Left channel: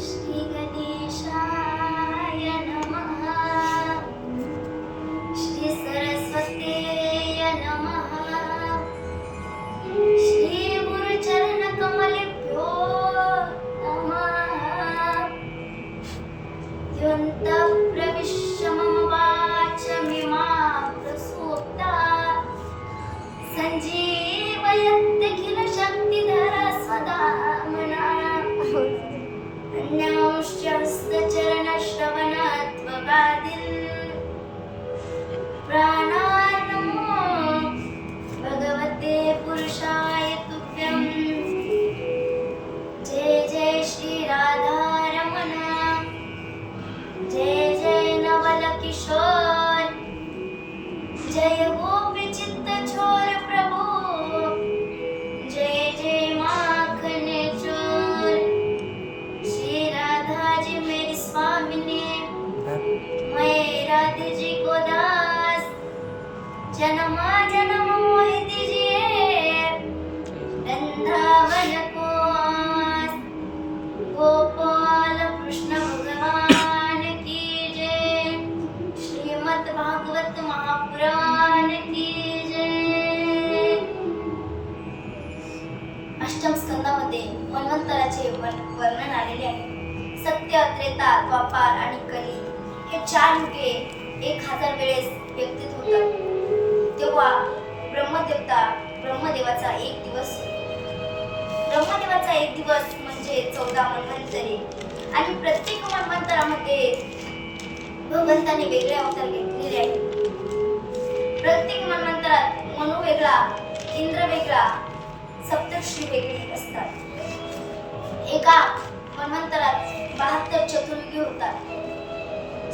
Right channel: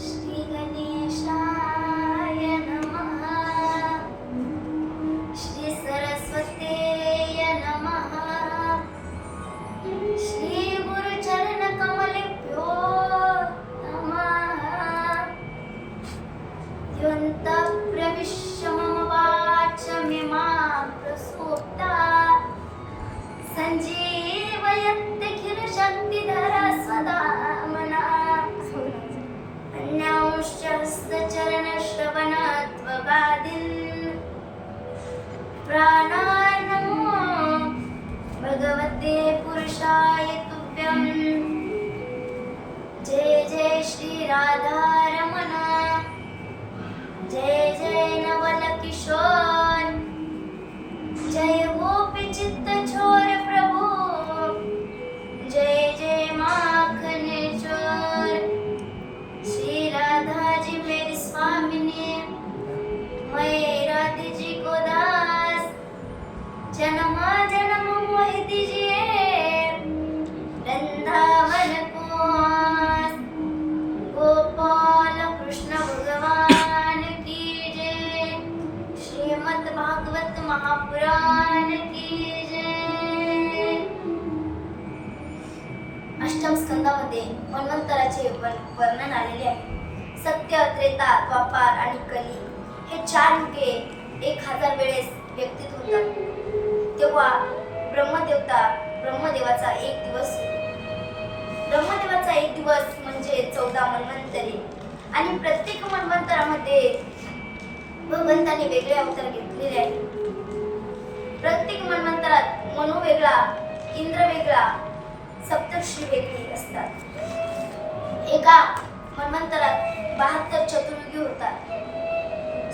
श्री गणेशाय नमः। श्री सरस्वतीय नमः। श्री गुरुचरण कमलेभ्यो नमः। योऽन्तः प्रविश्य मम वाचमिमां प्रसूप्ता सञ्जीवयत्यखिलशक्तिधरा स्वधाम्ना। अन्यांश्च हस्तचरणश्रवणत्वगादीन् प्राणान्नमो भगवते पुरुषाय तुभ्यं। जय जय श्री राधारमण, जय जय नवल किशोर, जय गोपी चित्त छोर प्रभु, जय जय माखन चोर। श्री राधा जी मेरी स्वामिनी, मैं राधे जी को दास, जन्मा जन्म मोहि दीजिए वृंदावन को आस। गोपाल कृष्ण भगवान की जय, श्रीमद् भागवत महापुराण की जय। अष्टम स्कंदामध्ये मन्वंतराचे वर्णन आलेले आहे. सत्य, त्रेता, द्वापार आणि कली हे 4 युगे 1000 वेळेस व्यक्तीत होतात. तेव्हा ब्रह्मदेवाचा एक दिवस म्हणजे 14 मन्वंतरे. आणि प्रत्येक मन्वंतरामध्ये भगवंताने वेगळे अवतार घेतलेले आहेत. प्रत्येक मन्वंतरात मनु वेगळा, इंद्र वेगळा, सप्तर्षी वेगळी असतात. एका मन्वंतरात 72 चतुर्युगी होतात.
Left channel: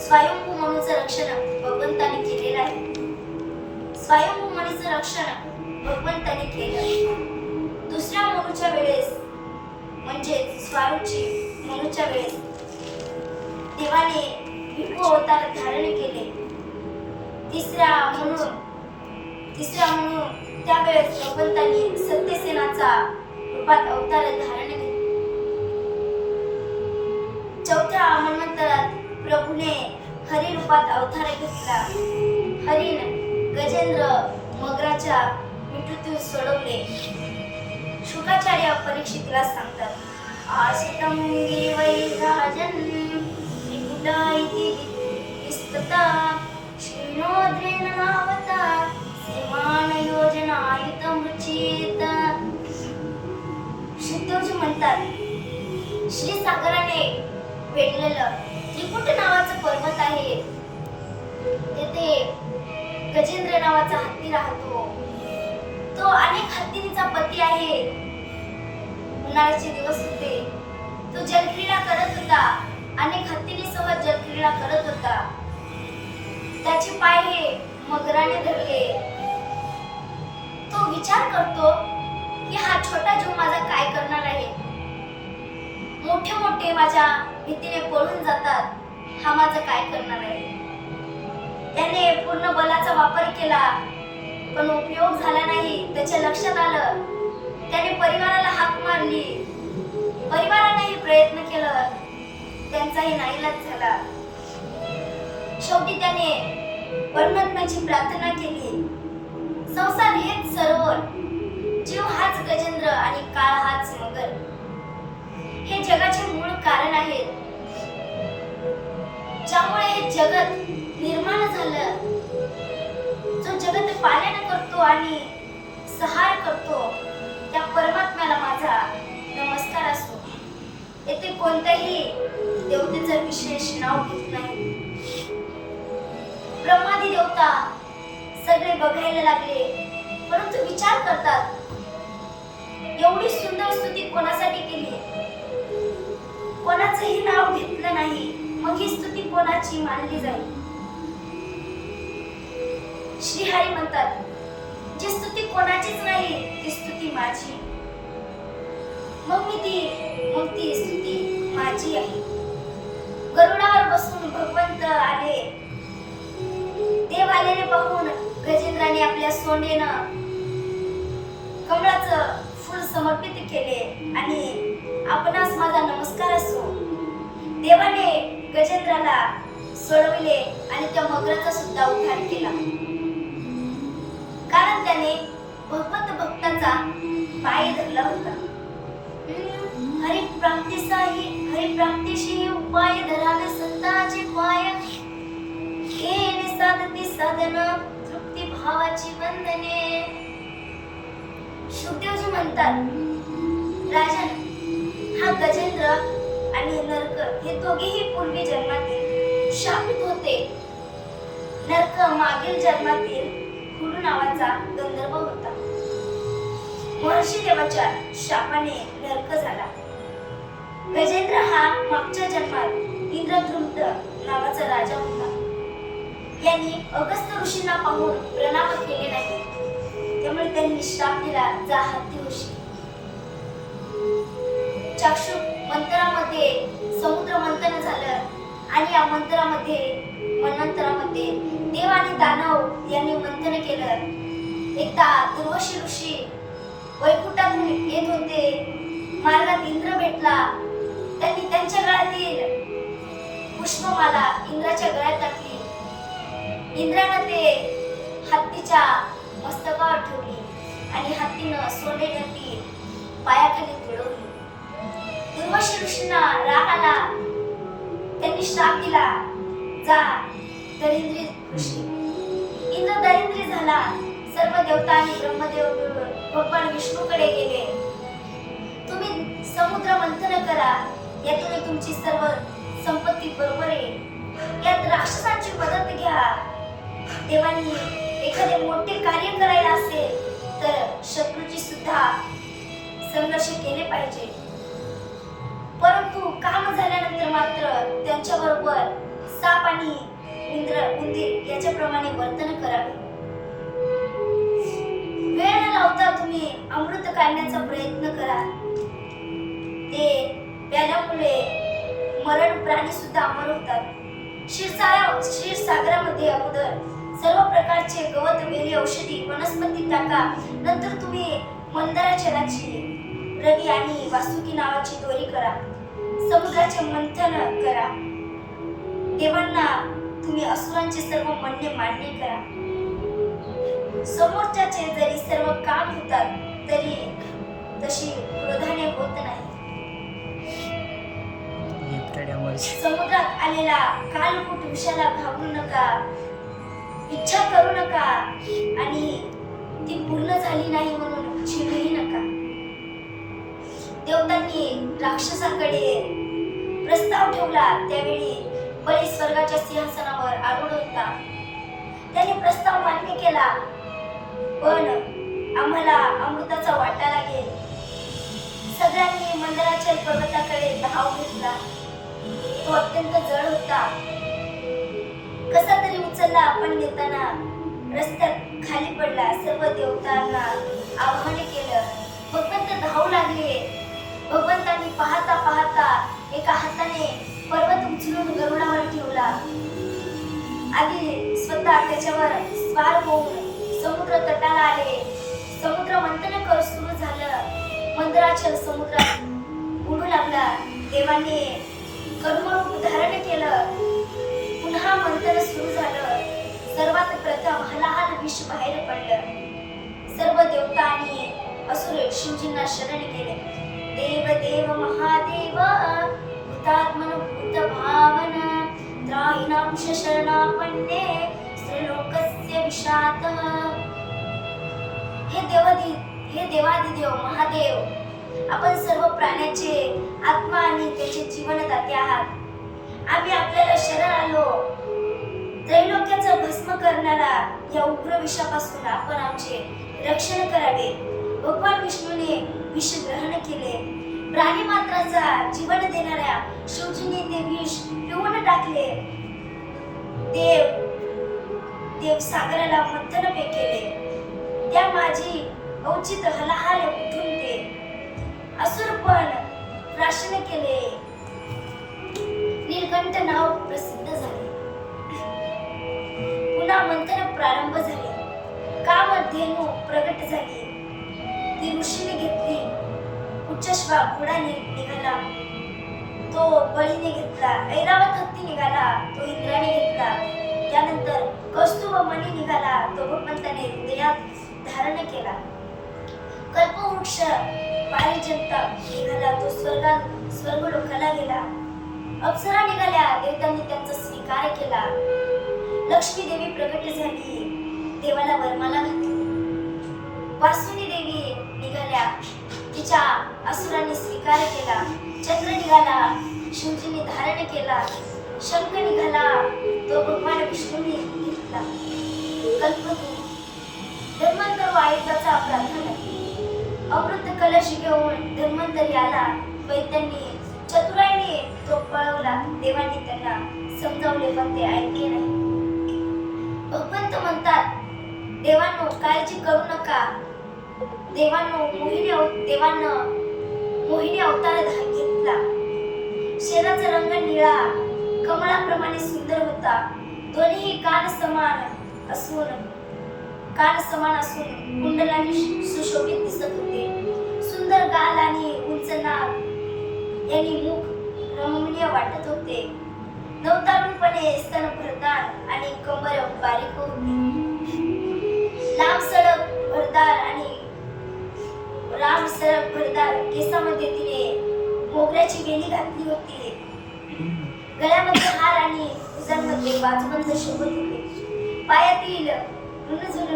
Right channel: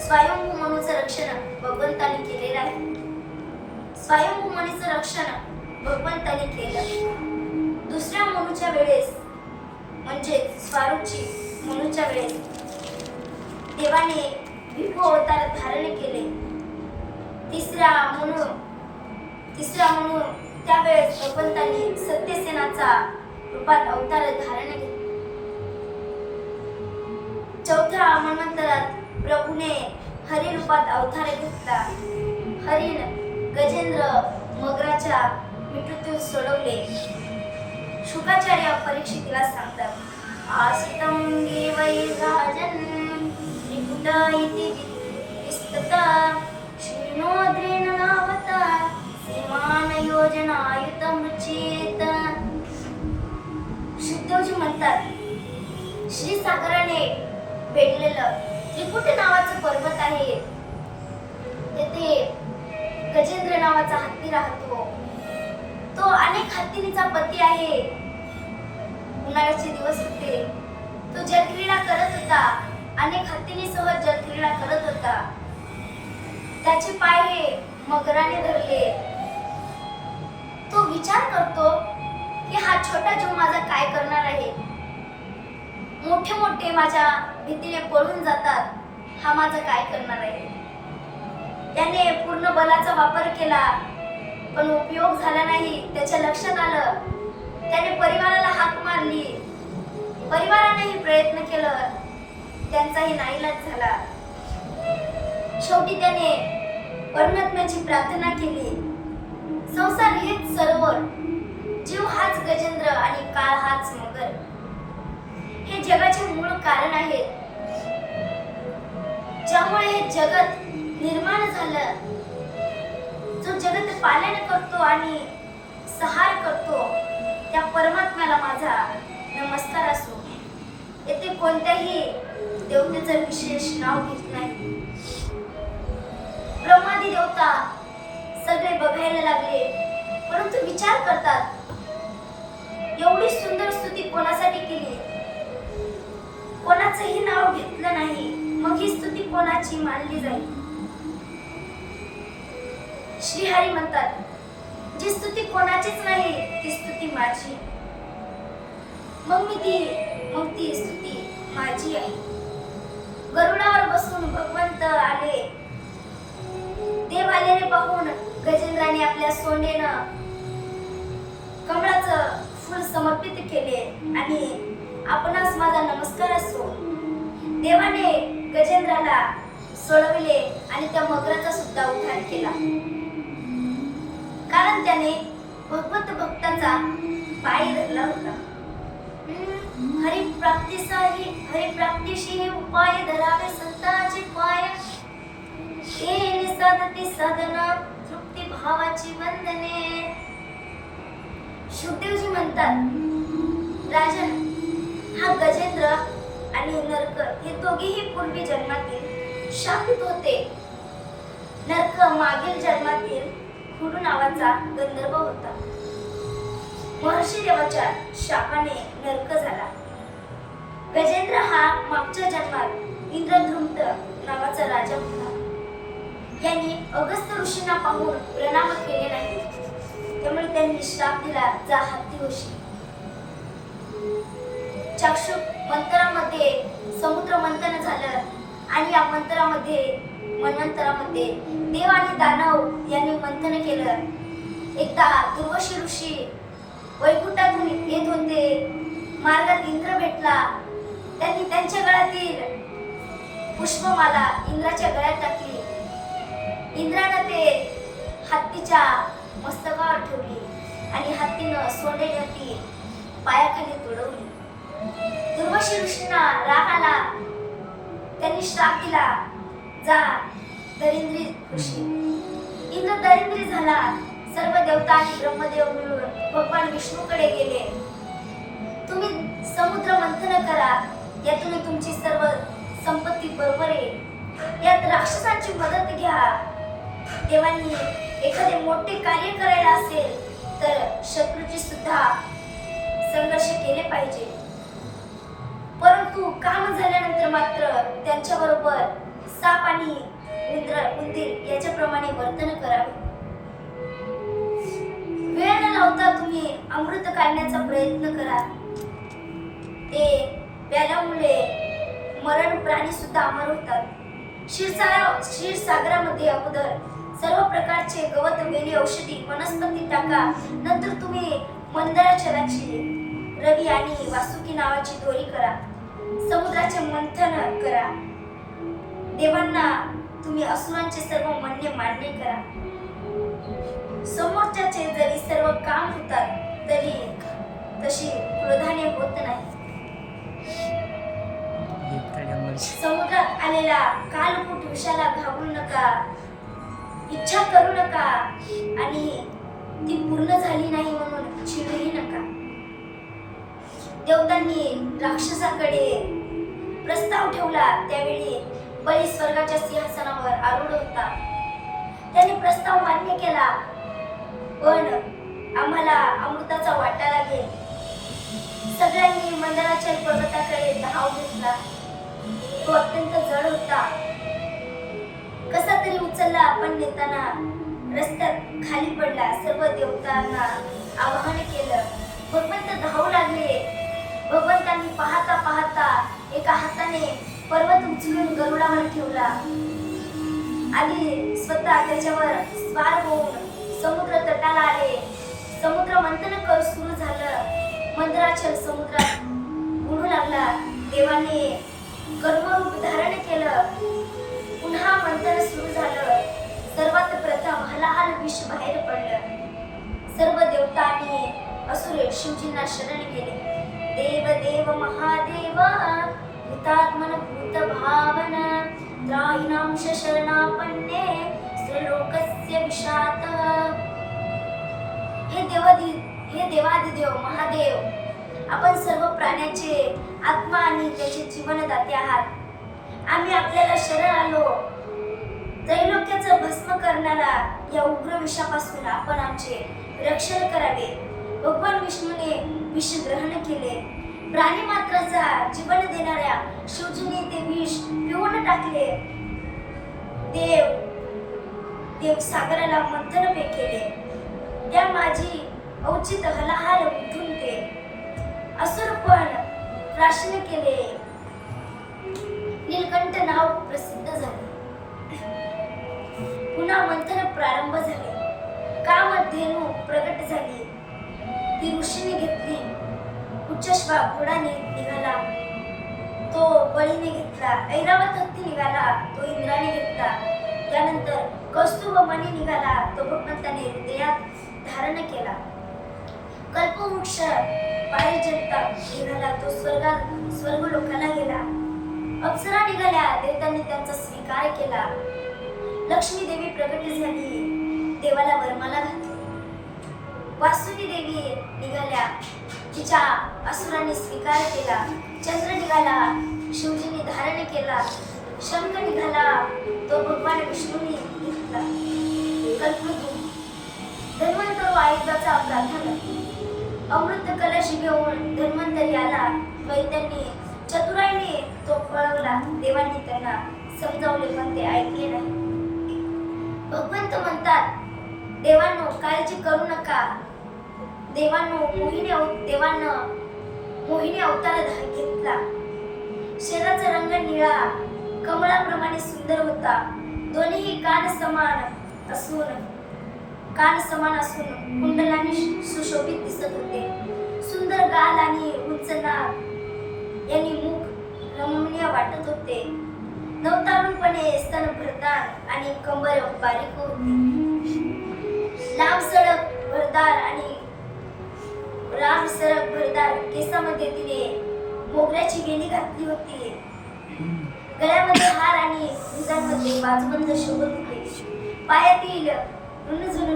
स्वयंभू मनुचं रक्षण भगवंताने केलेलं आहे. स्वयंभू मनुचं रक्षण भगवंताने केलं. दुसऱ्या मनुच्या वेळेस म्हणजे स्वारूची मनुच्या वेळेस देवाने विभू अवतार धारण केले. तिसऱ्या मनु त्यावेळेस भगवंतांनी सत्यसेनाचा रूपात अवतार धारण केले. चौथ्या मन्वंतरात प्रभूने हरी रूपात अवतार घेतला. हरीन गजेंद्र मगराच्या मृत्यूतून सोडवले. शुकाचार्य परीक्षितीला सांगतात, आसितं वै राजन् त्रिकुटा इति विस्तता श्रीनोद्रेण नावता सीमान योजनायुतमुचित. शुद्धोजी म्हणतात, श्रीसागराने वेढलेलं त्रिकुट नावाचं पर्वत आहे. तेथे गजेंद्र नावाचा हत्ती राहतो. तो अनेक हत्तींचा पती आहे. उन्हाळ्याचे दिवस होते. तो जलक्रीडा करत होता. अनेक हत्तींसह जलक्रीडा करत होता. त्याचे पाय हे मगराने धरले. तो विचार करतो की हा छोटा जीव माझा काय करणार आहे. मोठे मोठे माझ्या भीतीने पळून जातात. हा माझा काय करणार आहे. त्याने पूर्ण बलाचा वापर केला पण उपयोग झाला नाही. त्याच्या लक्षात आलं. त्याने परिवाराला हाक मारली. परिवारानेही प्रयत्न केलं. त्यांचाही नाईलाज झाला. शेवटी त्याने परमात्म्याची प्रार्थना केली. संसार हेच सरोवर, जीव हाच गजेंद्र आणि काळ हाच मगर. हे जगाचे मूळ कारण आहेत. ज्यामुळे हे जगत निर्माण झालं. जो जगत पालन करतो आणि सहार करतो त्या परमात्म्याला माझा नमस्कार असो. येथे कोणत्याही देवतेचं विशेष नाव घेत नाही. ब्रह्मादी देवता सगळे बघायला लागले परंतु विचार करतात, एवढी सुंदर स्तुती कोणासाठी केली. कोणाचंही नाव घेतलं नाही. मग ही स्तुती कोणाची मानली जाईल. श्रीहरी म्हणतात, जी स्तुती कोणाचीच नाही ती स्तुती माझी. मग ती स्तुती माझी आहे. गरुडावर बसून भगवंत आले. देव आलेले पाहून गजेंद्राने आपल्या सोंडेनं कमळाचं फूल समर्पित केले आणि आपणास माझा नमस्कार असो. गजेंद्राला सोडविले आणि त्या मगराचा सुद्धा उद्धार केला, कारण त्याने भगवंत भक्ताचा पाय धरला होता. हरिप्राप्तीशी उपाय धरावे संतांचे पाय, येणे साधती साधना तृप्ती भावाची वंदने. शुकदेवजी म्हणतात, राजन, हा गजेंद्र आणि नरक हे दोघेही पूर्वी जन्मातील शापित होते. नरक मागील जन्मातील हुडू नावाचा गंधर्व होता. महर्षी देवाच्या शापाने नरक झाला. गजेंद्र हा मागच्या जन्मात इंद्रद्रुम्त नावाचा राजा होता. यांनी अगस्त्य ऋषींना पाहून प्रणाम केले नाही, त्यामुळे त्यांनी श्राप दिला, जा हत्ती होशी. चाक्षुष मंतरामध्ये समुद्र मंथन झालं आणि या मन्वंतरामध्ये देव आणि दानव यांनी मंथन केलं. एकदा दुर्वाशी ऋषी वैकुंठातून येत होते. मार्गात इंद्र भेटला. त्यांनी त्यांच्या गळ्यातील पुष्पमाला इंद्राच्या गळ्यात टाकली. इंद्रानं ते हत्तीच्या मस्तकावर ठेवली आणि हत्तीनं सोंडेने ती पायाखाली तुडवली. दुर्वाशी ऋषींना राग आला. त्यांनी श्राप दिला, जा दरिंद्री ऋषी. इंद्र दरिंद्री झाला. सर्व देवता आणि ब्रह्मदेव मिळून भगवान विष्णूकडे गेले. तुम्ही समुद्र मंथन करा, यातून तुमची सर्व संपत्ती बरोबर येईल. यात राक्षसांची मदत घ्या. देवांनी एखादे मोठे कार्य करायला असेल तर शत्रूची सुद्धा संघर्ष केले पाहिजे, परंतु काम झाल्यानंतर मात्र त्यांच्या बरोबर साप आणि उंदीर याच्याप्रमाणे वर्तन करावे. वेळ न लावता तुम्ही अमृत काढण्याचा प्रयत्न करा. ते प्याल्यामुळे मरण प्राणी सुद्धा अमर होतात. क्षीरसागरामध्ये अगोदर सर्व प्रकारचे गवत, वेली, औषधी, वनस्पती टाका. नंतर तुम्ही मंदाराच्या राशी रवी आणि वासुकी नावाची दोरी करा. समुद्राचे मंथन करा. देवांना तुम्ही असुरांचे सर्व म्हणणे मान्य करा. समोरच्याचे जरी सर्व काम होतात तरी तशी क्रोधाने होत नाही. समुद्रात आलेला कालकूट विषाला घाबरू नका, इच्छा करू नका आणि ती पूर्ण झाली नाही म्हणून चिडूही नका. देवतांनी राक्षसाकडे प्रस्ताव ठेवला. त्यावेळी बळी स्वर्गाच्या सिंहासनावर आरूढ होता. त्याने प्रस्ताव मान्य केला, पण आम्हाला अमृताचा वाटा लागेल. सगळ्यांनी मंदराचल पर्वताकडे धाव घेतला. तो अत्यंत जड होता. कसा तरी उचलला, पण नेताना रस्त्यात खाली पडला. सर्व देवतांना आवाहन केलं. भगवंत धावू लागले. भगवंतांनी पाहता पाहता एका हाताने पर्वत उचलून गरुडावर ठेवला. आधी स्वतः त्याच्यावर स्वार होऊन समुद्र तटाला आले. समुद्र मंथन कर सुरू झालं. मंदराचल समुद्रात बुडू लागला. देवाने कड्मरूप धारण केलं. पुन्हा मंथन सुरू झालं. सर्वात प्रथम हलाहल विष बाहेर पडलं. सर्व देवता आणि असुर शिवजींना शरण गेले. देव देव महादेव भूतात्मन भूत भावन त्रायिनांश शरणापन्ने श्रीलोकस्य विशात. हे देवादिदेव महादेव, आपण सर्व प्राण्याचे आत्मा आणि त्याचे जीवनदाते आहात. आम्ही आपल्याला शरण आलो. त्रैलोक्याचं भस्म करणारा या उग्र विषापासून आपण आमचे रक्षण करावे. भगवान विष्णूने विष ग्रहण केले. प्राणी मात्राचा जीवन देणाऱ्या शिवजीने ते विष पिऊन टाकले. देव सागराला मंथन केले. त्या माझी औचित हलाहल उठून ते असुर पण प्राशन केले. नीलकंठ नाव प्रसिद्ध झाले. पुन्हा मंथन प्रारंभ झाले. कामधेनू प्रगट झाली. ती ऋषीने घेतली. उच्चश्वा घोडा निघाला. तो बळीने घेतला. ऐरावत हत्ती निघाला, तो इंद्राने घेतला. त्यानंतर कौस्तुभ मणी निघाला, तो भगवंताने हृदयात धारण केला. कल्पवृक्ष पारिजात निघाला, तो स्वर्गलोकाला गेला. अप्सरा निघाल्या, देवतांनी त्यांचा स्वीकार केला. लक्ष्मी देवी प्रकट झाली, देवाला वरमाला घातली. वासुनी देवी निघाल्या, तिच्या असुरांनी स्वीकार केला. चंद्र निघाला, शिवजींनी धारण केला. शंख निघाला, तो भगवान विष्णूंनी घेतला. कल्पवृक्ष धन्वंतरू आयुधाचा प्रार्थना. अमृत कलश घेऊन धन्वंतरी आला. वैद्यांनी चतुराईने तो पळवला. देवांनी त्यांना समजावले, पण ते ऐकले नाही. भगवंत म्हणतात, देवांनो काळजी करू नका. देवांनो देवानं मोहिनी अवतार घेतला. शरीराचा रंग निळा, कमळाप्रमाणे सुंदर होता. दोन्ही कान समान असून कुंडलांनी सुशोभित दिसत होते. सुंदर गाल आणि उंच नाक यांनी मुख रमणीय वाटत होते. नवतरुणपणे स्तन भरदार आणि कंबर बारीक होती. लांब सडक भरदार केसामध्ये तिने मोगऱ्याची वेली घातली होती. गळ्यामध्ये हार आणि भुजांमध्ये बाजबंद शोभत होते. पायातील रुणझुण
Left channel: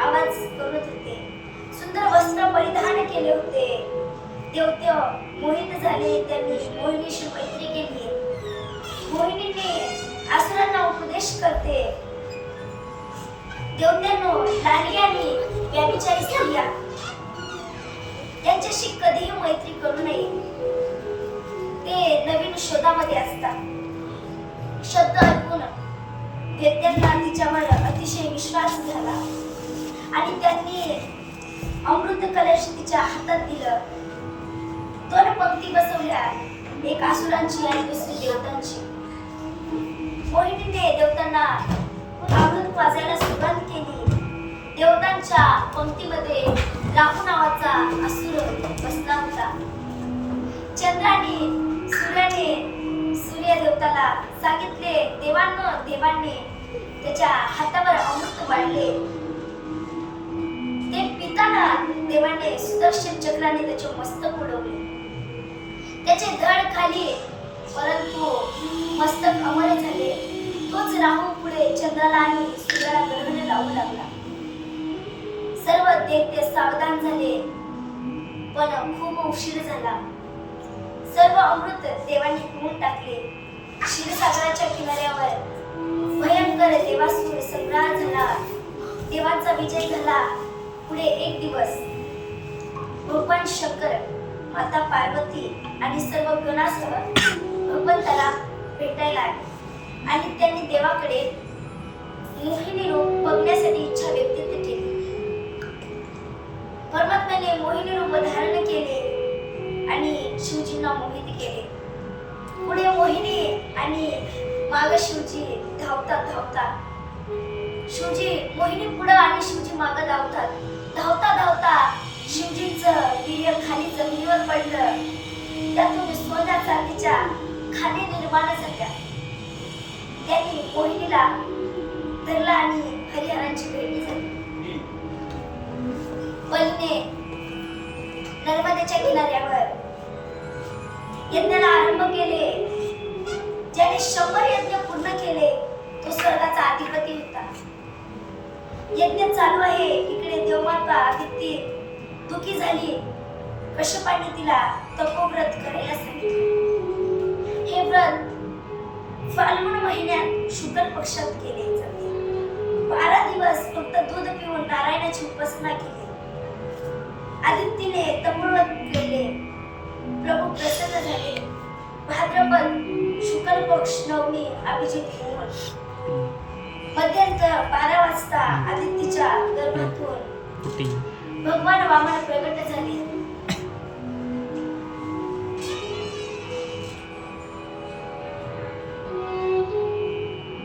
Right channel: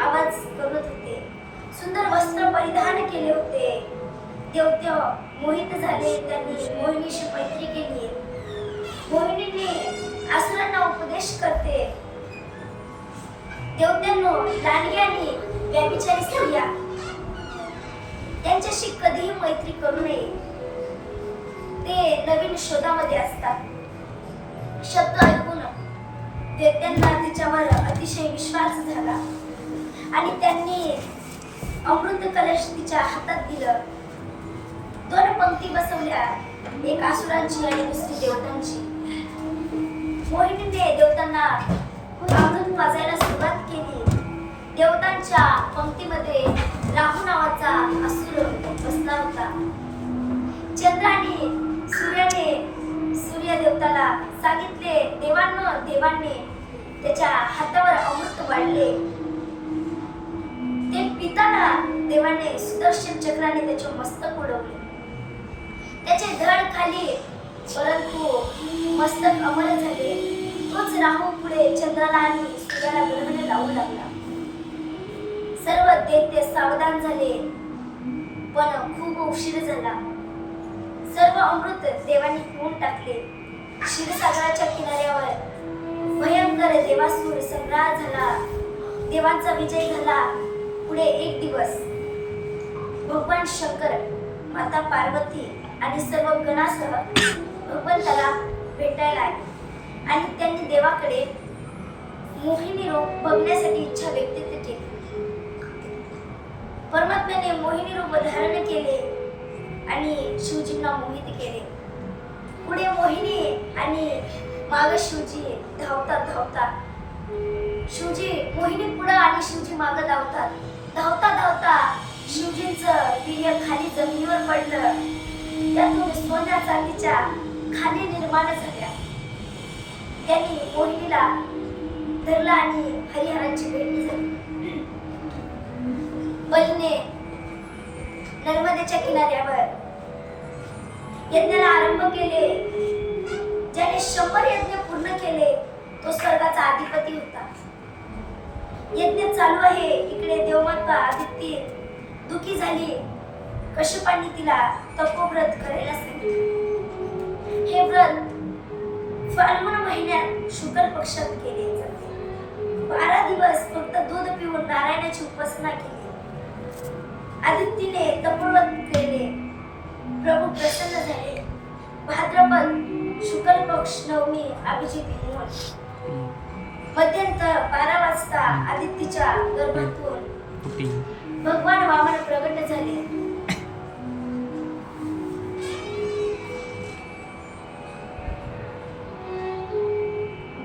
आवाज करत होते. सुंदर वस्त्र परिधान केले होते. देवते मोहित झाले, त्यांनी मोहिनीशी मैत्री केली. मोहिनीने असुरांना उपदेश करते, देवत्यांनो लांडगी आणि व्यभिचारी स्त्रिया यांच्याशी कधीही मैत्री करू नये. ते नवीन शोधामध्ये असतात. शब्द ऐकून देवत्यांना तिच्यावर अतिशय विश्वास झाला आणि त्यांनी अमृत कलश तिच्या हातात दिलं. 2 पंक्ती बसवल्या, एक असुरांची आणि दुसरी देवतांची. मोहिनीने देवतांना अमृत पाजायला सुरुवात केली. देवतांच्या पंक्तीमध्ये राहू नावाचा असुर बसला होता. चंद्राने सूर्य देवताला सांगितले, देवांनी त्याच्या हातावर अमृत वाढले. ते पिताना देवाने सुदर्शन चक्राने त्याचे मस्तक उडवले. त्याचे धड खाली, परंतु मस्तक अमर झाले. तोच राहू पुढे चंद्राला आणि सूर्याला ग्रहण लावू लागला. सर्व दैत्य सावधान झाले, पण खूप उशीर झाला. सर्व अमृत देवांनी पिऊन टाकले. क्षीरसागराच्या किनाऱ्यावर भयंकर देवासुर संग्राम झाला. देवांचा विजय झाला. पुढे एक दिवस भगवान शंकर, माता पार्वती आणि सर्व गणासह भगवंताला भेटायला आले आणि त्यांनी देवाकडे मोहिनी रूप बघण्यासाठी इच्छा व्यक्त केली. परमात्म्याने मोहिनी रूप धारण केले आणि शिवजींना मोहित केले. पुढे मोहिनी आणि माग शिवजी धावता शिवजी मोहिनी पुढे आणि शिवजी माग धावता शिवजींचं वीर्य खाली जमिनीवर पडलं. त्यातून सोन्या चांदीच्या खाली निर्माण झाल्या. त्यांनी मोहिनीला धरला आणि हरिहरांची भेट झाली. बलीने नर्मदेच्या किनाऱ्यावर यज्ञाला आरंभ केले. ज्याने 100 यज्ञ पूर्ण केले तो स्वर्गाचा अधिपती होता. यज्ञ चालू आहे. इकडे देवमाता आदिती दुखी झाली. कश्यपांनी तिला तपोव्रत करायला सांगितलं. हे व्रत फाल्गुन महिन्यात शुक्ल पक्षात केले जाते. 12 दिवस फक्त दूध पिऊन नारायणाची उपासना केली. आदित्यने तपोव्रत केले. प्रभू प्रसन्न झाले. भाद्रपद शुक्ल पक्ष नवमी अभिजित होऊन मध्यंतर 12 वाजता आदित्यच्या गर्भातून भगवान वामन प्रगट झाले.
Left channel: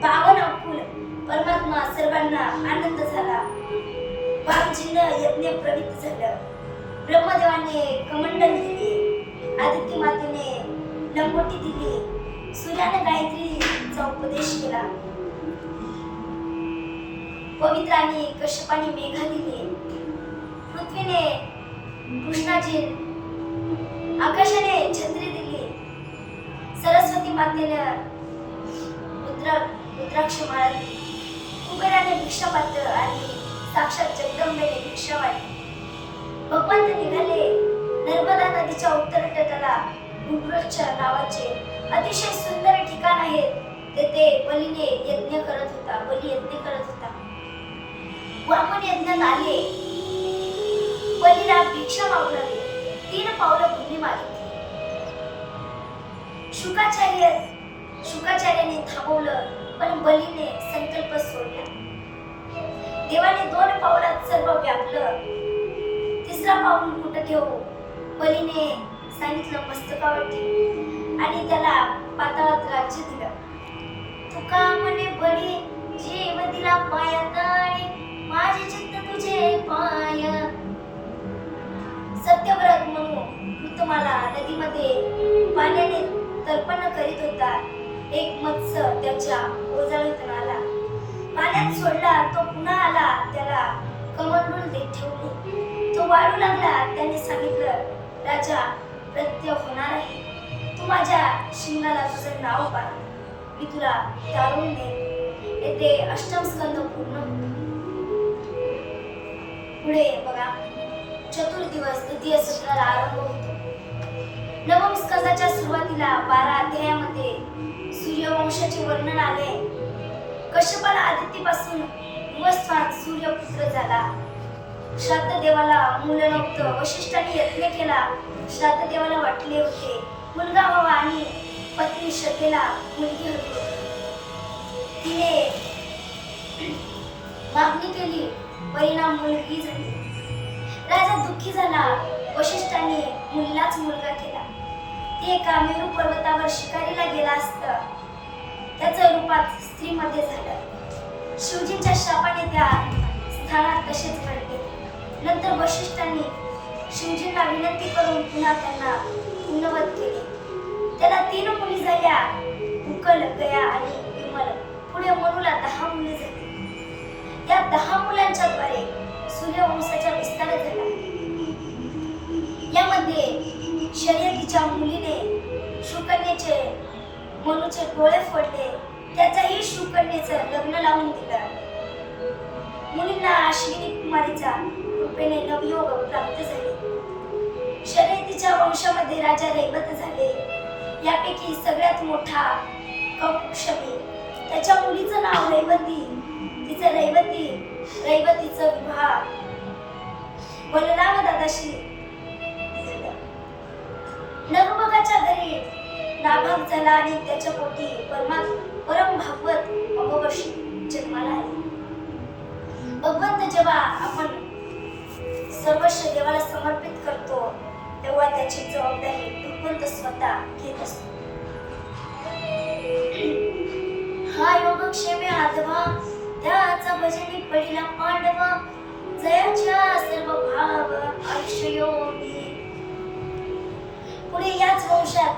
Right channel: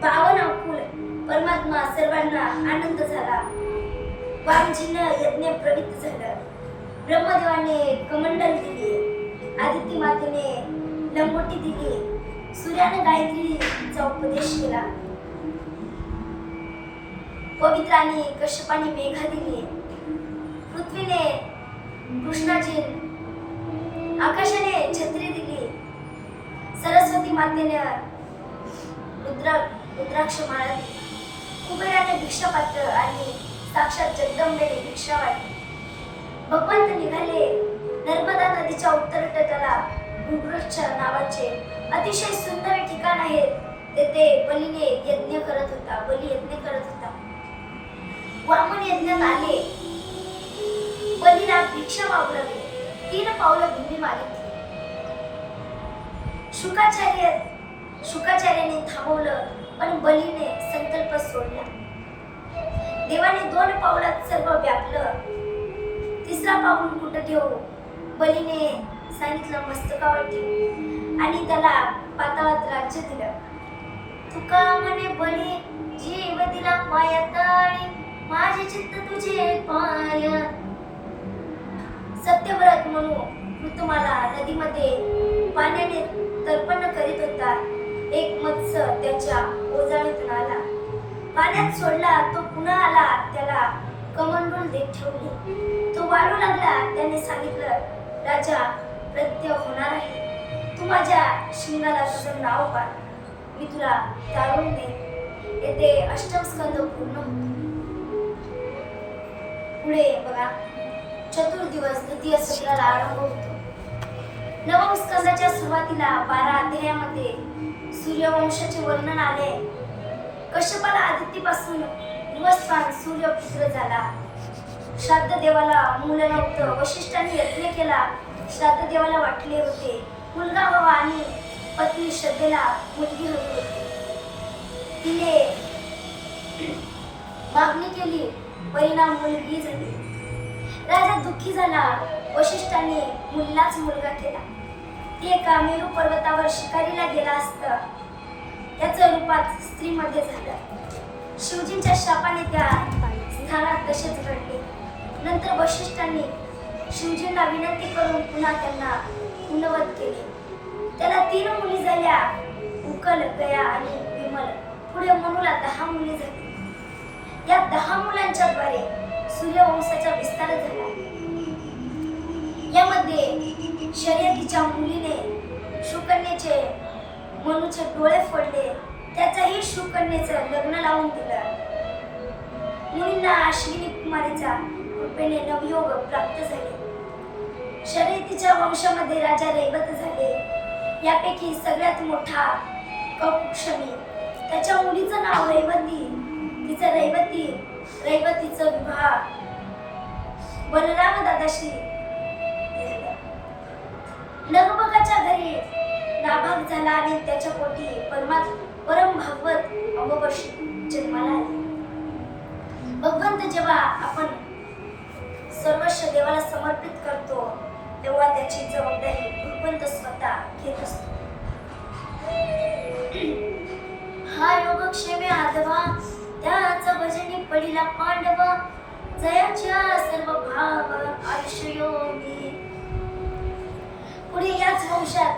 पावन अकुल परमात्मा सर्वांना आनंद झाला. वामजींना यज्ञ प्रवृत्त झालं. ब्रह्मदेवाने कमंडल दिले. आदित्य मातेने लंगोटी दिली, सूर्याने गायत्रीचा उपदेश केला, पवित्राने कश्यपाने मेघा दिली, पृथ्वीने कृष्णाजी, आकाशाने छत्री दिली, सरस्वती मातेने रुद्राक्ष माळा दिली, कुबेराने भिक्षापात्र आणि साक्षात जगदंबेने भिक्षा वाटली. भगवंत निघाले नर्मदा नदीच्या उत्तर तटाला. भूवृक्ष नावाचे अतिशय सुंदर ठिकाण आहे. तेथे बली यज्ञ करत होता. वामन यज्ञात आले. बलीला भिक्षा मागू लागले. 3 पावलं भूमी मागितली. शुकाचार्याने थांबवलं, पण बलीने संकल्प सोडला. देवाने 2 पावलात सर्व व्यापलं. 3रा पाऊल कुठं ठेवू? बलीने सांगितलं मस्तकावरती, आणि त्याला पाताळात राज्य दिलं. तुका म्हणे बळी जीव दिला पायाताळी, माझे चित्त तुझे पाय. सत्यव्रत म्हणून ऋतुमाला नदीमध्ये पाण्याने तर्पण करीत होता. एक मत्स्य त्याच्या ओझाळीतून आला, पाण्यात सोडला. तो पुन्हा आला, त्याला कमंडूल देत ठेवले. तो वाळू लागला. त्याने सांगितलं, राजा प्रत्यय होणार आहे. तू माझ्या शिंगाला तुझं नाव पाड, मी तुला टाळून दे. येथे अष्टम स्कंद पूर्ण होतो. पुढे बघा, चतुर्दिवस द्वितीय सत्राला आरंभ होतो. नवम स्कंदाच्या सुरुवातीला 12 अध्यायामध्ये सूर्यवंशाचे वर्णन आले. कश्यपाला आदित्यपासून निवस्थान सूर्यपुत्र झाला. श्राद्ध देवाला मूल नव्हतं. वशिष्ठाने यज्ञ केला. श्राद्ध देवाला वाटले होते मुलगा व्हावा आणि पत्नी श्रद्धेला मुलगी हवी होती. तिने मागणी केली, परिणाम मुलगी झाली. राजा दुःखी झाला. वशिष्ठाने मुलीलाच मुलगा केला. ती एका मेरू पर्वतावर शिकारीला गेला असता त्याचं रूपात स्त्रीमध्ये झालं. शिवजींच्या शापाने त्या स्थानात तसेच घडले. नंतर वशिष्ठांनी शिवजींना विनंती करून पुन्हा त्यांना पुनवत केले. त्याला 3 मुली झाल्या, उकल, गया आणि विमल. पुढे मनुला 10 मुली झाली. या 10 मुलांच्या द्वारे सूर्यवंशाचा विस्तार झाला. यामध्ये शर्यतीच्या मुलीने शुकन्येचे मनुचे डोळे फोडले. त्याचाही शुकन्येचं लग्न लावून दिलं. मुनींना अश्विनी कुमारीचा कृपेने नवयोग प्राप्त झाले. शर्यतीच्या वंशामध्ये राजा रैवत झाले. यापैकी सगळ्यात मोठा कौक्षमी. त्याच्या मुलीचं नाव रैवती. तिचं रैवतीचं विवाह बलराम दादाशी झाला. नगभगाच्या घरी नाभाग झाला आणि त्याच्या पोटी परम भागवत अमोघ जन्माला आले. भगवंत जेव्हा आपण सर्वस्व देवाला समर्पित करतो, तेव्हा त्याची जबाबदारी भगवंत स्वतः घेत असतो. हा योगक्षेमे आधवा, त्याचा भजनी पडिला पांडव. जयाच्या सर्व भाव आयुष्योगी. पुढे याच वंशात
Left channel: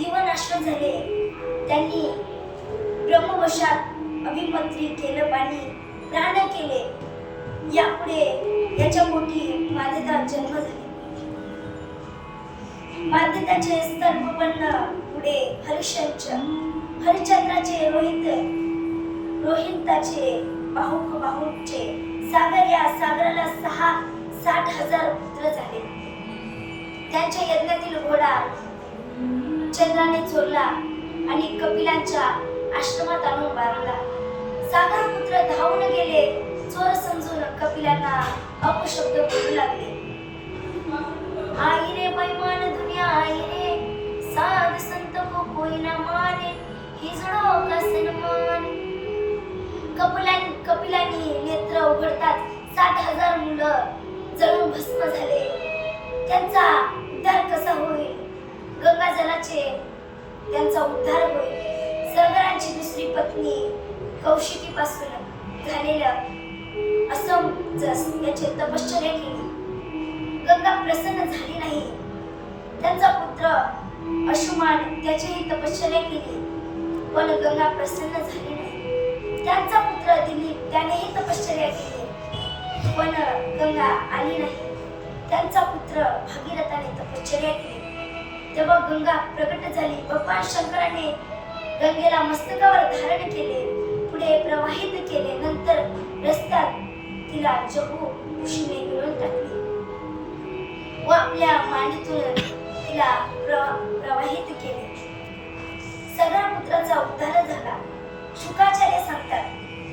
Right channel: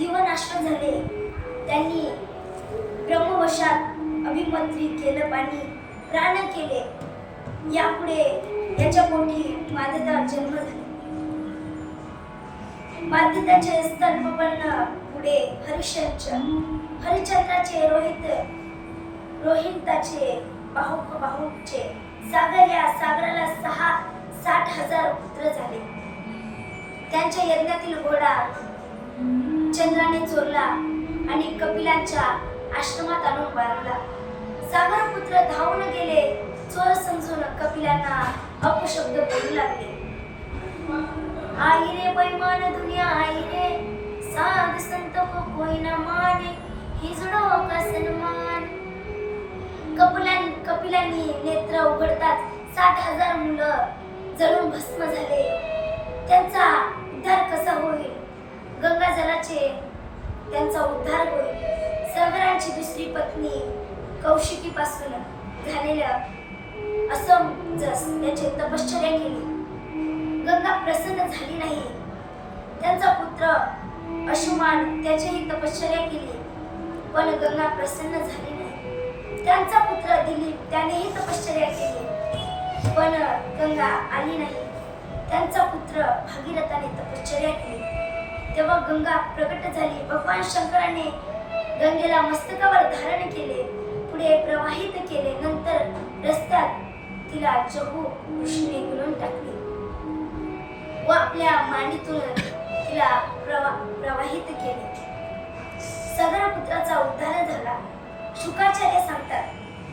यवन अश्वत झाले. त्यांनी ब्रह्मवशात अभिमंत्री केलं पाणी प्राण केले. यापुढे याच्या पोटी माध्यता जन्म झाले. माध्यताचे स्तंभपन्न पुढे हरिश्चंद्राचे रोहिताचे बाहुचे सागर. या सागराला 60,000 पुत्र झाले. त्यांच्या यज्ञातील घोडा चंद्राने चोरला आणि कपिलांच्या आश्रमात आणून बांधला. सागर पुत्र धावून गेले. चोर समजून कपिलांना अपशब्द बोलू लागले. आई रे बैमान दुनिया आई रे, साध संत को कोई न माने, हिजडो का सन्मान. कपिलांनी नेत्र उघडतात 60,000 मुलं जळून भस्म झाले. त्यांचा उद्धार कसा होईल? गंगा जलाचे त्यांचा उद्धार होईल. सागरांची दुसरी पत्नी कौशिकीपासून झालेलं असमजस याची तपश्चर्या केली. गंगा प्रसन्न झाली नाही. त्यांचा पुत्र अशुमान त्याचीही तपश्चर्या केली, पण गंगा प्रसन्न झाली नाही. त्यांचा पुत्र दिलीप त्यानेही तपश्चर्या केली, पण गंगा आली नाही. त्यांचा पुत्र भागीरथाने तपश्चर्या केली, तेव्हा गंगा प्रकट झाली. भगवान शंकराने गंगेला मस्तकावर धारण केले, पुढे प्रवाहित केले. नंतर रस्त्यात तिला जगू ऋषीने गिळून टाकली व आपल्या मांडीतून तिला प्रवाहित केले. सगळ्या पुत्राचा उद्धार झाला. शुकाचार्य सांगतात,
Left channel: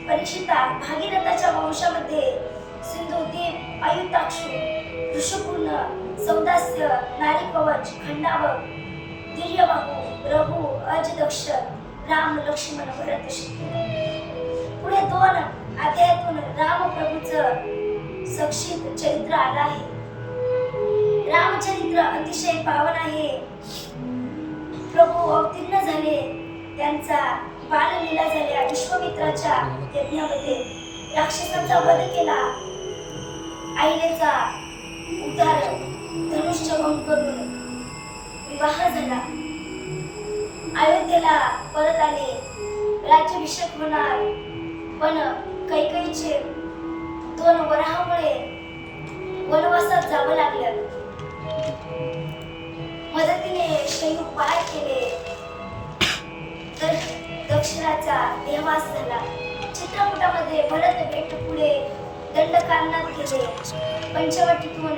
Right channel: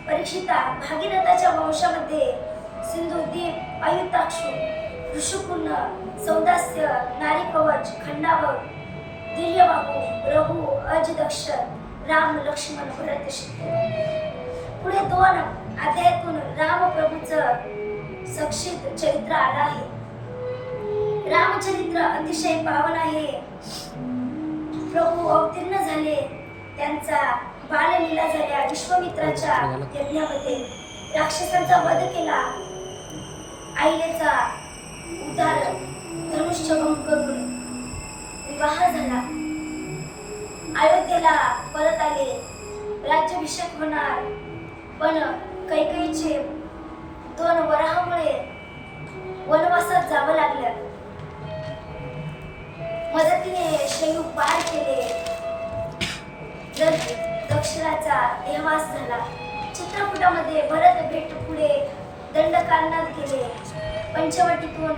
परीक्षिता, भागीरथाच्या वंशामध्ये सिंधुदीप, आयुताक्षु, ऋषुपूर्ण, सौदास्य, नारीकवच, खंडावक, दिर्यबाहू, रघु, अजदक्ष, राम, लक्ष्मण, भरत, शत्रुघ्न. पुढे 2 अध्यायातून रामप्रभूचं सक्षित चरित्र आलं आहे. रामचरित्र अतिशय पावन आहे. प्रभू अवतीर्ण झाले, त्यांचा बाललीला झाल्या. विश्वामित्राच्या यज्ञामध्ये राक्षसांचा वध केला, अहिलेचा उद्धार, धनुष्यभंग करून विवाह झाला. अयोध्येला परत आले, राज्याभिषेक होणार, पण कैकेयीचे 2 वराहामुळे वनवासात जावं लागलं. मदतीने शयू पार केले, दक्षिणाचा देहवास झाला. चित्रकूटामध्ये भरत भेट पुढे दंडकारणात गेले. पंचवटीतून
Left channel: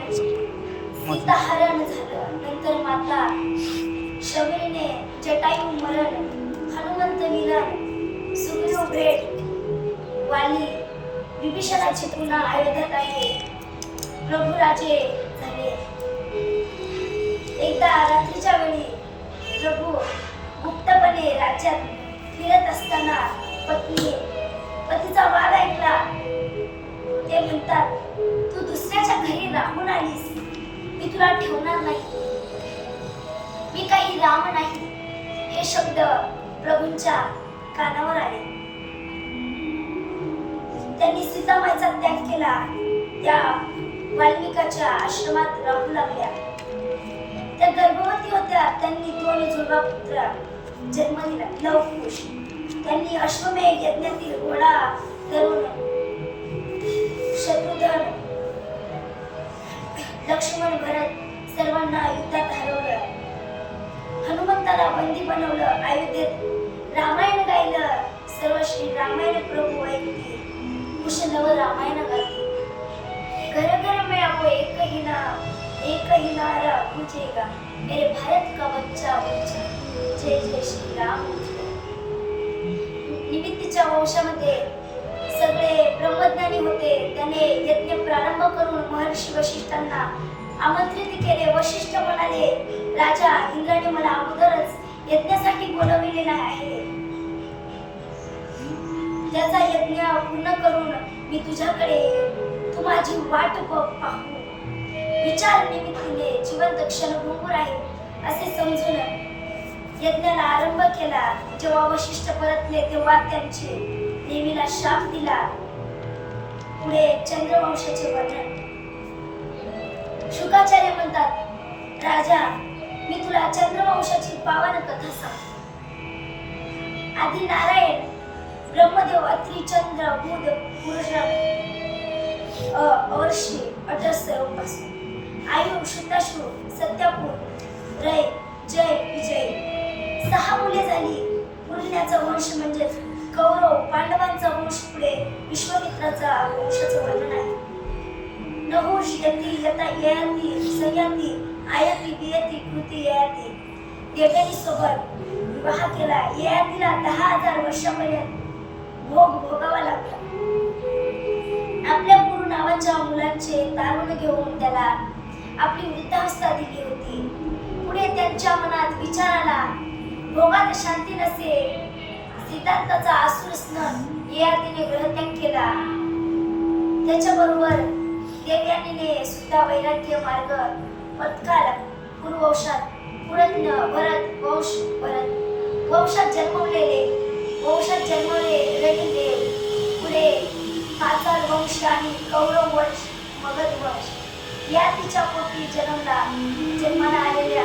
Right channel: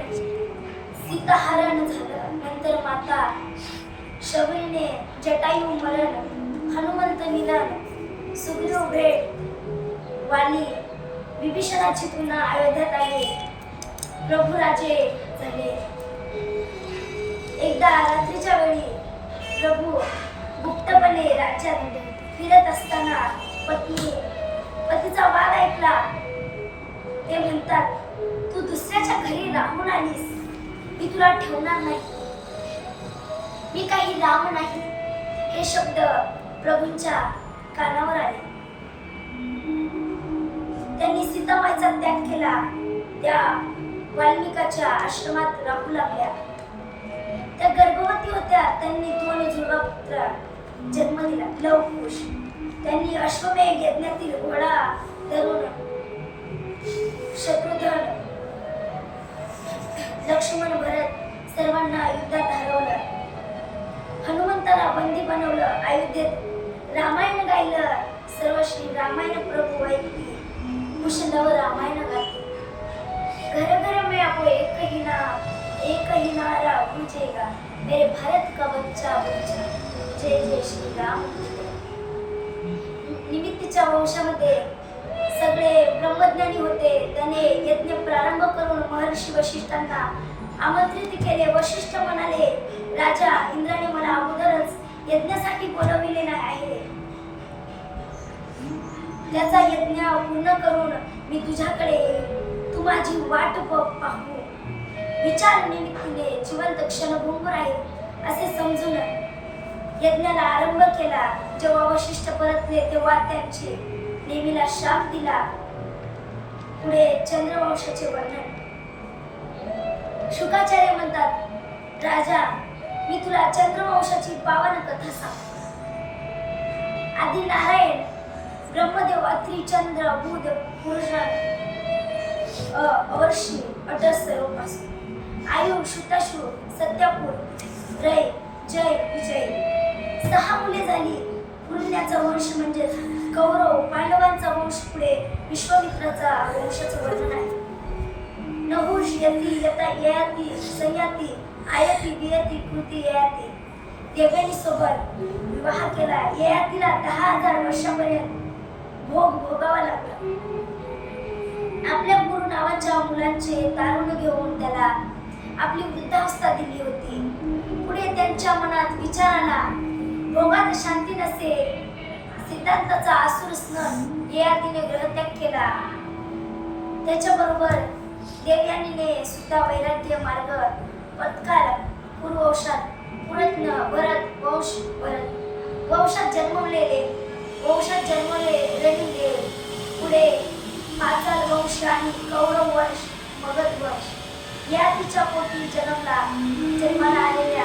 सीताहरण झालं. नंतर माता शबरीने जटायू मरण, हनुमंत मिलन, सुग्रीव भेट, वाली विभीषणाची पुन्हा अयोध्यात आले, प्रभू राजे झाले. एकदा रात्रीच्या वेळी प्रभू गुप्तपणे राज्यात फिरत असताना पतीचा वाद ऐकला. ते म्हणतात, तू दुसऱ्याच्या घरी राहून आलीस, मी तुला ठेवणार नाही, मी काही राम नाही. हे शब्द प्रभूंच्या कानावर आले. त्यांनी सीतामाईचा त्याग केला. त्या वाल्मिकाच्या आश्रमात राहू लागल्या. त्या गर्भवती होत्या. त्यांनी 2 जुळवा पुत्र जन्म दिला, लव कुश. त्यांनी अश्वमेध यज्ञातील घोडा धरून शत्रुघ्न, लक्ष्मण, भरत सर्वांना युद्धात हरवलं. हनुमंताला बंदी बनवलं. अयोध्येत रामायण गायलं. सर्व श्री रामायण प्रभू ऐकली, कुश लव रामायण गाती. घर घर में आपो एक ही नारा गूंजेगा, मेरे भारत का बच्चा बच्चा, जय जय श्री राम. निमित्तीच्या वंशामध्ये सगळे ब्रह्मज्ञानी होते. त्याने यज्ञ प्रारंभ करून महर्षी वशिष्ठांना आमंत्रित केले. वशिष्ठ म्हणाले, राजा, इंद्राने मला अगोदरच यज्ञासाठी बोलविलेले आहे. त्याचा यज्ञ पूर्ण करून मी तुझ्याकडे येईन. तू माझी वाट पाहू. विचार निमित्तीने जिवंत क्षणभंगूर आहे असे समजून यज्ञाला आरंभ केला. जेव्हा वशिष्ठ परतले तेव्हा त्यांचे नेमीला शाप दिला. पुढे चंद्रवंशाचे वर्णन. शुकाचार्य म्हणतात, राजा, मी तुला चंद्रवंशाची पावन कथा सांगतो. आदी नारायण, ब्रह्मदेव, अत्री, चंद्र, बुध, पुरुष, अवर्षी, अटस सर्वपासून, आयु, शुताशु, सत्यापूर, रय, जय, विजय. 6 मुले झाली. पुरण्याचा वंश म्हणजे कौरव पांडवांचा वंश. पुढे विश्वामित्राचा वंशाचं वर्णन आहे. नहुष, यती, यता, ययाती, सयाती, आयती, बियती, कृती, ययाती. देव्यांनी सोबत विवाह केला. ययातीला 10,000 वर्षापर्यंत भोग भोगावा लागला. आपल्या गुरु नावाच्या मुलांचे तारुण घेऊन त्याला आपली वृद्धावस्था दिली होती. पुढे त्यांच्या मनात विचार आला, भोगात शांती नसे. सिद्धांताचा आसुर स्नन ययातीने ग्रहत्याग केला. त्याच्याबरोबर देवयानीने सुद्धा वैराग्य मार्ग पत्काला. पूर्ववंशात पुरत्न, भरत वंशात जन्मले रणदेव. पुढे पाचाल वंश आणि कौरव वंश, मगध वंश. ययातीच्या पोटी जन्माला आलेल्या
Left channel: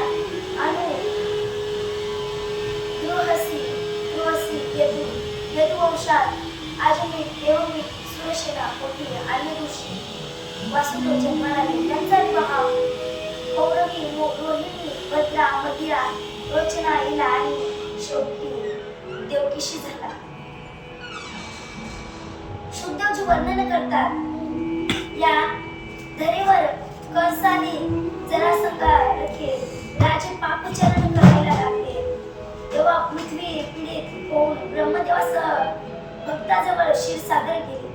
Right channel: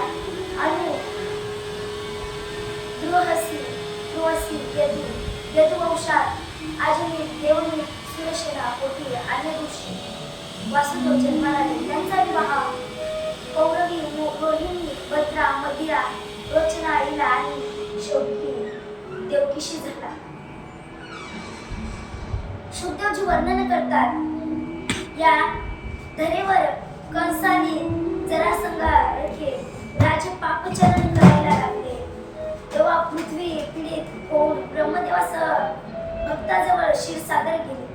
अनु सुहसी सुहसी यदु यदुवंशात आजमीत देवमीत सुरसेना पोटी अन्य दिवशी वासुदेव जन्माला आले. त्यांचा विवाह पौरवी रोहिणी भद्रा मदिरा रोचना इला आणि शेवटी देवकीशी झाला. शुकदेवजी वर्णन करतात या धरेवर कंसाने जरासंगा रखे राजे पापचरण करायला लागले. तेव्हा पृथ्वी पीडित होऊन ब्रह्मदेवासह भक्ताजवळ क्षीरसागर गेले.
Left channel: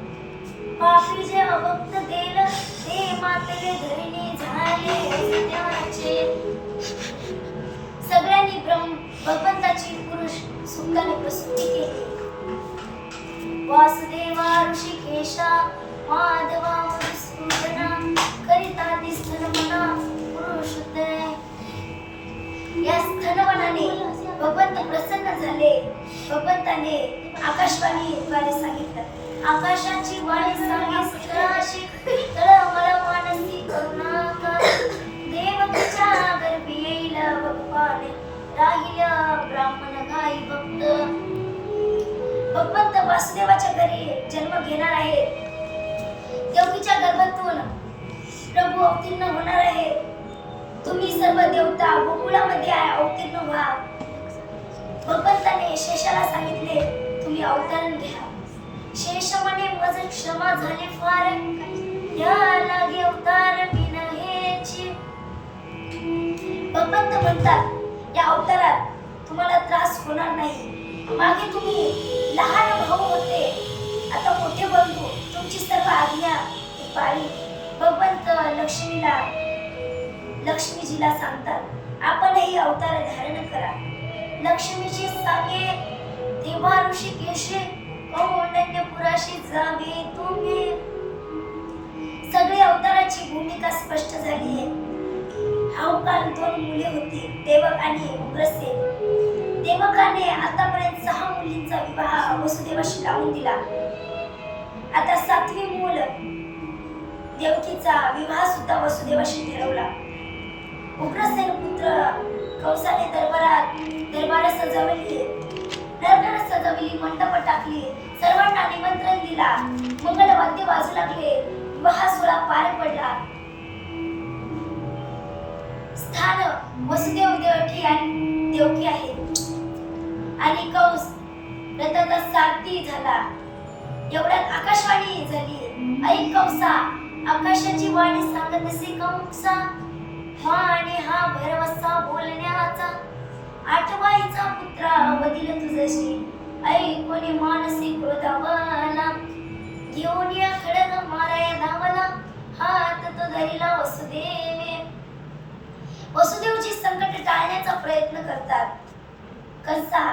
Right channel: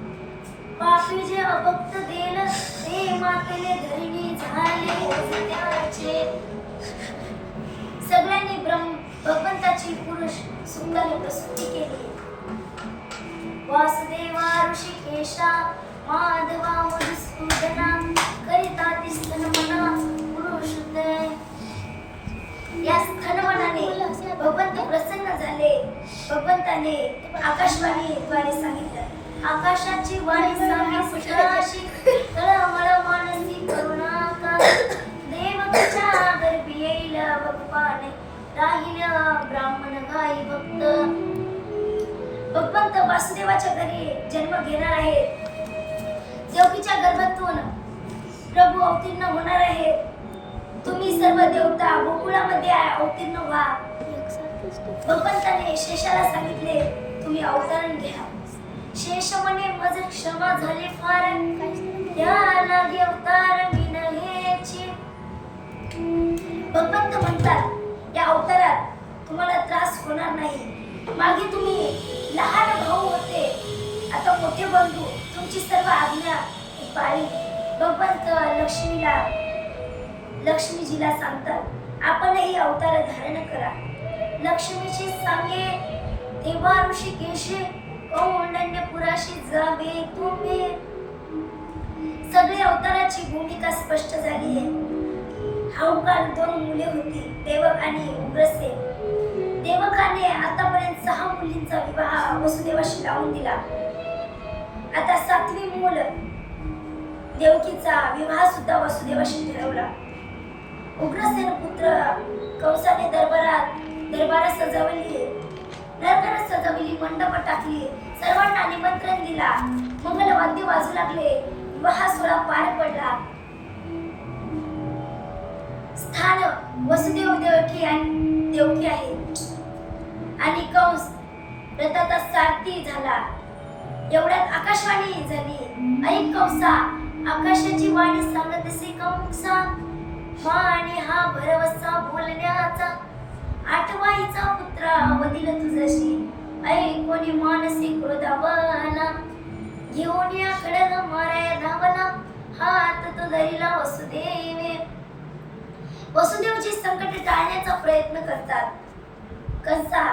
पापी जे अभक्त देल ते मातेने धरिणी झाले त्याचे. सगळ्यांनी भगवंताची पुरुष सुखाने प्रस्तुती केली. वासुदेवा ऋषिकेशा माधवा मधुसूदना करिता ती स्तनमना पुरुषोत्तय. या स्तनमनाने भगवंत प्रसन्न झाले. भगवंताने आकाशवाणीद्वारे सांगितलं, आकाशाची वाणी सांगे सुतराशी तळमळ मानसी करुणाका. देवकीच्या गर्भी येईल भगवान राहील ब्राह्मण गाई भक्त. भगवंत वासुदेवाच्या घरी जन्म घेणार आहेत. देवकीच्या गर्भातून प्रभू अवतीर्ण होणार आहेत. तुम्ही सर्व देवता गोकुळामध्ये अवतीर्ण व्हा. भगवंताने शेषाला सांगितले, तुम्ही अवतरण घ्या. शेष म्हणे मज क्षमा झाले फार या लागे अवतार विनहेची. भगवंत म्हणतात, या अवतारात तुम्हाला त्रास होणार नाही. मागे तुम्ही लहान भाऊ होते, आता मोठे बंधू. तुमची सर्व आज्ञा पाळी. भगवंत लक्ष्मीजीला सांगतात, आपणही अवतार धारण करा. लक्ष्मीजी सांगे तेव्हा ऋषिकेशे कौंडण्यपुराशी जावे तुम्ही. सगळी अवताराची भूमिका स्पष्ट झाली आहे. हावकाल 2 मुले होती, देवक आणि उग्रसेन. देवकाने आतापर्यंत 6 मुलींचा विवाह वसुदेवाशी लावून दिला. आता 7वी मूल देवकीचा विवाह सुद्धा वसुदेवाशी ठरवला. उग्रसेन पुत्र कंसाने दरबार सजवली, नरकाला सजवली, मंडप टाकली, सर्वांना निमंत्रण दिला, मंगलवाद्य वाजू लागले, विवाह सोहळा पार पडला. स्थान वसुदेव देवकी आहे आणि कंस रथाचा सारथी झाला. एवढ्यात आकाशवाणी झाली, ऐक कंसा, आकाशाची वाणी सांगत असे कंसा. हा आणि हा भरवसा बोलण्याचा, आठवाईचा पुत्रा वदिल तुझशी. ऐकोनी मानसी क्रोधावला, घेऊन या खडग माराया धावला. हात तो धरिला वसुदेवे. वसुदेवजी संकट टाळण्याचा प्रयत्न करतात. कंसा,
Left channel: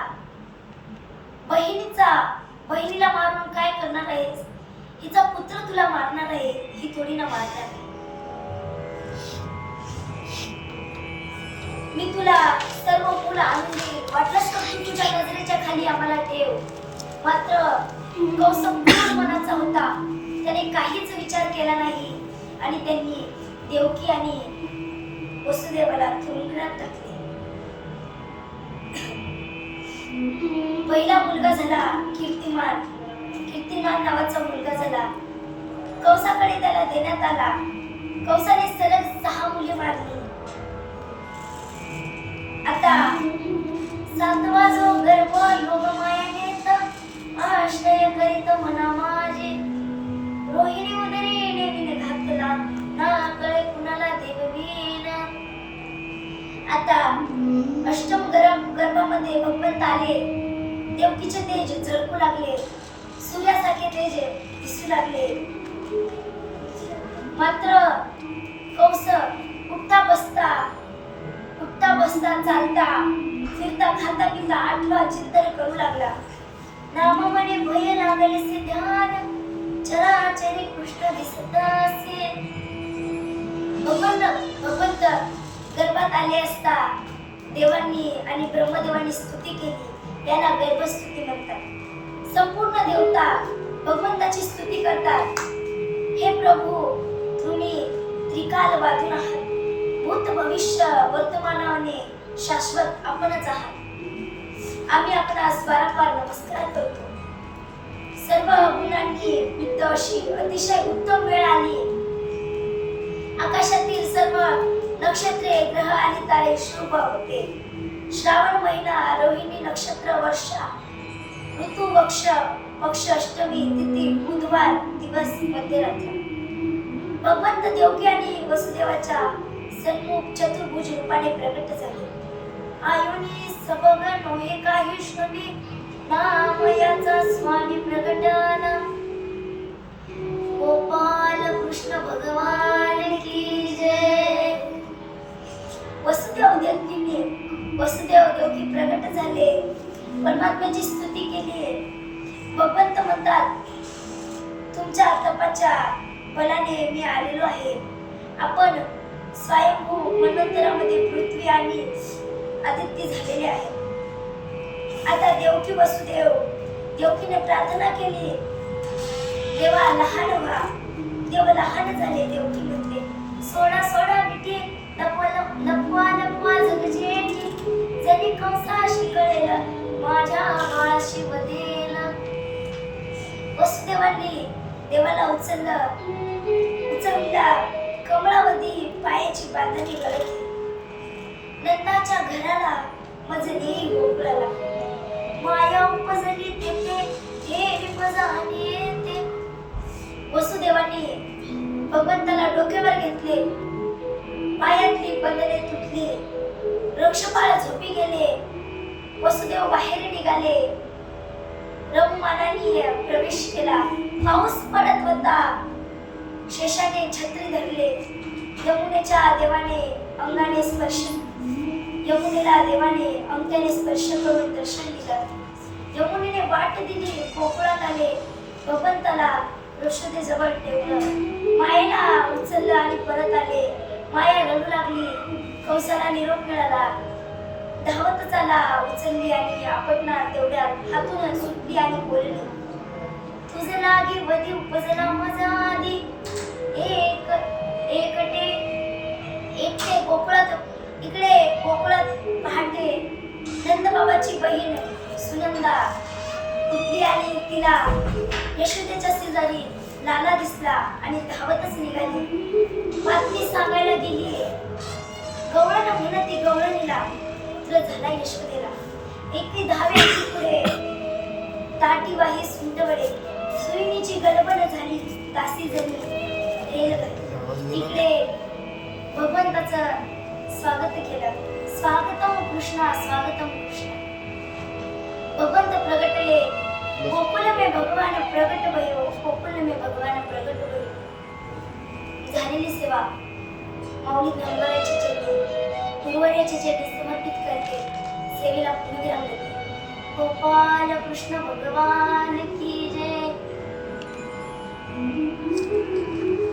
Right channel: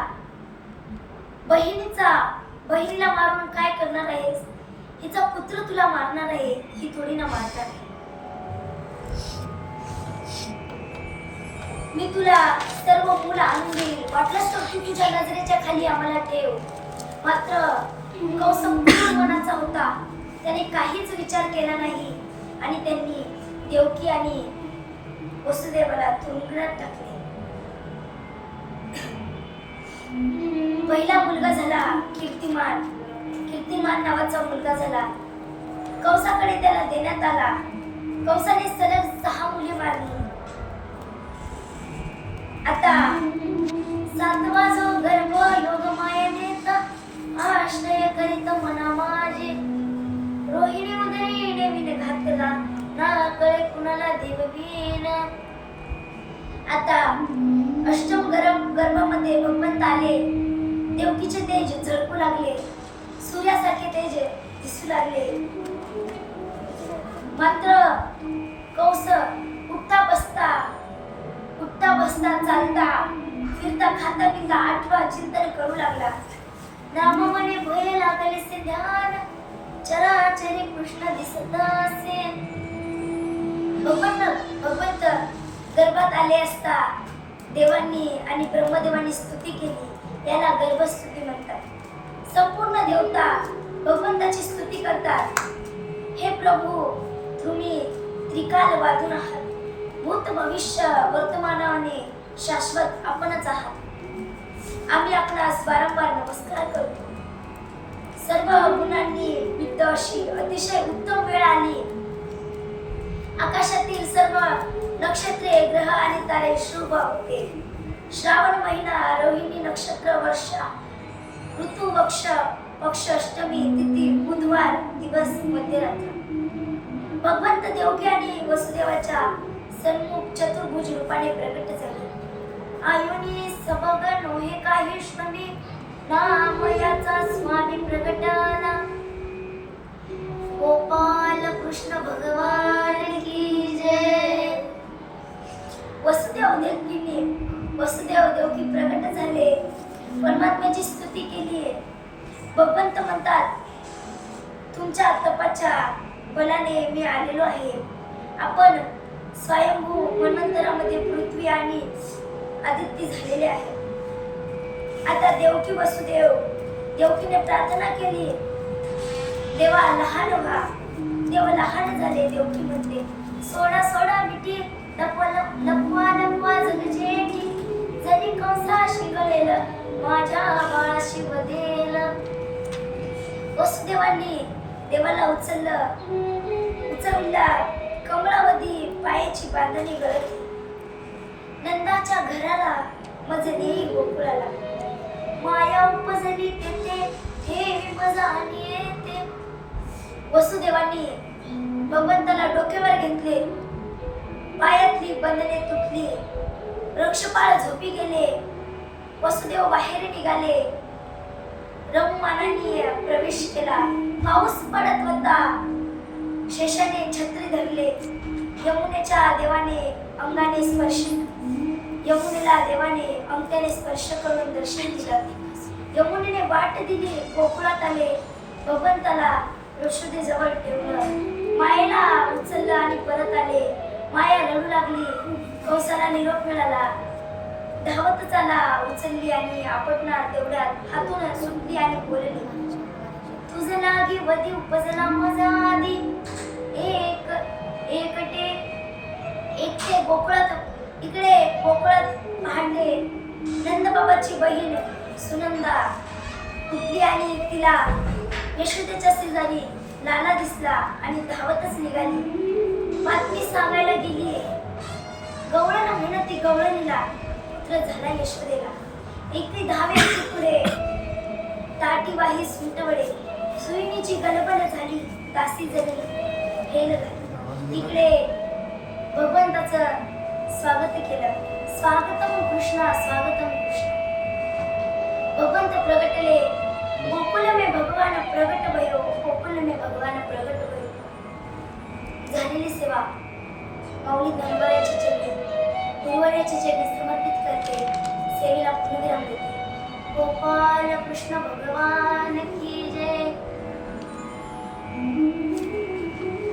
बहिणीला मारून काय करणार आहेस? हिचा पुत्र तुला मारणार आहे, ही थोडी ना मारणार. मी तुला सर्व मुलं आणून देईल, वाटलंच तर तू तुझ्या नजरेच्या खाली आम्हाला ठेव. मात्र कंस मनाचा होता, त्याने काहीच विचार केला नाही आणि त्यांनी देवकी आणि वसुदेवाला तुरुंगात टाकले. पहिला मुलगा झाला कीर्तिमान नावाचा मुलगा झाला. कंसाकडे त्याला देण्यात आला. कंसाने सलग 6 मुले मारली. आता 7वा जो गर्भ योग माया नेत आश्रय करीत मना माझे. रोहिणी उदरी नेविन घातला, ना कळे कुणाला देववीन. आता अष्टम गर्भामध्ये भगवंत आले. देवकीचे तेज झळकू लागले, सूर्यासारखे तेज दिसू लागले. मात्र कंस उठता बसता चालता फिरता खाता पिता आठवा चिंतन करू लागला. नाम म्हणे भय लागलेसे ध्यान, चराचरी कृष्ण दिसत असे. भगवंत गर्भात आले असता देवांनी आणि ब्रह्मदेवांनी स्तुती केली. याला गर्भस्तुती म्हणतात. संपूर्ण देवता भगवंताची स्तुती करतात. हे प्रभू, तुम्ही त्रिकालवादून आहात. भूत भविष्य वर्तमानाने शाश्वत आपणच आहात. आम्ही आपणास वारंवार नमस्कार करतो. सर्व गुणांनी युक्त अशी अतिशय उत्तम वेळ आली. आकाशातील सर्व नक्षत्रे, ग्रह आणि तारे शुभ होते. श्रावण महिना, रोहिणी नक्षत्र, वर्षा ऋतू, पक्ष अष्टमी तिथी, बुधवार, दिवस मध्यरात्र. भगवंत देवकी आणि वसुदेवाच्या सन्मुख चतुर्भुज रूपाने प्रकट झाले. आयुनी सबग नोहे काही श्रमी, नाम याचा स्वामी प्रगटाला. गोपाल कृष्ण भगवान की जय. वसुदेव देवकी प्रकट झाले. परमात्म्याची स्तुती केली. भगवंत म्हणतात, तुमच्या तपाच्या बलाने मी आलेलो आहे. आपण स्वयंभू मनंतरामध्ये पृथ्वी आणि आदित्य झालेले आहे. आता देवकीने प्रार्थना केली, देवा लहान व्हा. देव लहान झाले. देवकी म्हणते, सोडा मिठी, लपवा जग जेठी, जणी कंसाशी कळेल माझ्या बाळाशी वदेल. वसुदेवांनी देवाला उचलला. कमळावधी पायाची बांधणी गळती. नंदाच्या घराला मज नेई गोकुळाला. माया उपजली तेथे देवी मजाने येते. वसुदेवांनी भगवंताला डोक्यावर घेतले. पायातली बंधने तुटली. वृक्षपाळ झोपी गेले. वसुदेव बाहेर निघाले. रघुमानाने प्रवेश केला. पाऊस पडत होता. शेषाने छत्री धरले. यमुनेला देवाने अंगठ्याने स्पर्श करून दर्शन दिलं. यमुनेने वाट दिली. गोकुळात आले. भगवंताला यशोदेजवळ ठेवलं. मायेला उचललं आणि परत आले. माया रडू लागली. कंसाला निरोप मिळाला. धावतच आला. उचलली आणि आपटणार तेवढ्यात हातून सुटली आणि बोलली, तुझ लागी वधी उपजला मजा आधी. एकटे गोकुळात पहाटे नंदबाबाची बहीण सुनंदा उठली आणि तिला यशोदेच्या शेजारी लाला दिसला आणि धावतच निघाली. बातमी सांगायला गेली. गवळण म्हणती गवळणीला पुत्र झाला यशोदेला. एकी धावेची पुढे ताटीवाही सुंटवडे. सुईणीची गलबन झाली. तासी जणी हेल घाली. इकडे भगवंताचं स्वागत केलं. स्वागतम कृष्णा, स्वागतम कृष्णा. भगवंत प्रगटले. गोकुल में भगवान प्रगट भयो. गोकुल में भगवान प्रगट भयो. झालेली सेवा माऊली ज्ञानोबाच्या चरणी, गुरुवर्याच्या चरणी समर्पित करते. सेवेला पूर्णविराम देते. गोपाल कृष्ण भगवान की जय.